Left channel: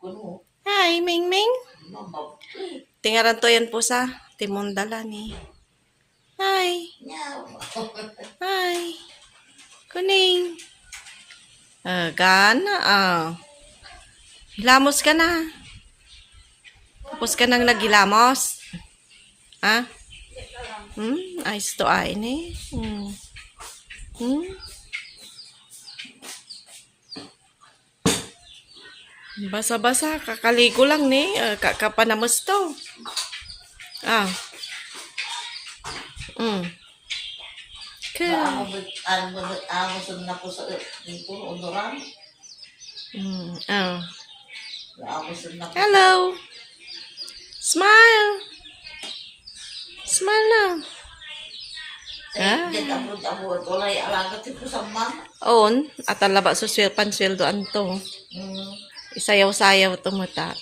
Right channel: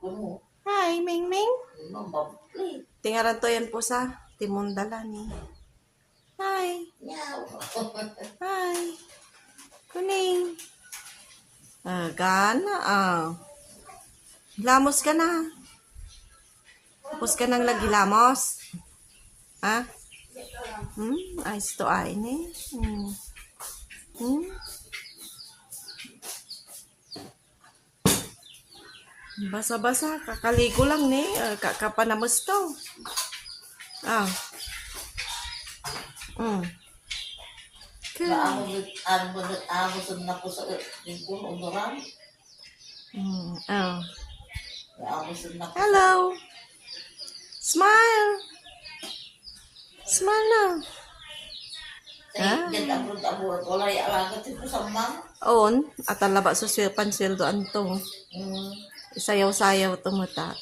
Hi, Ming Ming. Tingaran to yan po sa Timundala ni. Hi. Hi. Kuning. Gana. Hilamos ka na. Tapos ka nang naghilamos. Ayos to ay ni. Basa-basa, kakaligo lang ni. Kapanamos to. Hello. Smile. Smile na. On, at alaba suswil pansweldo anto. Isayaw-sayaw to mata.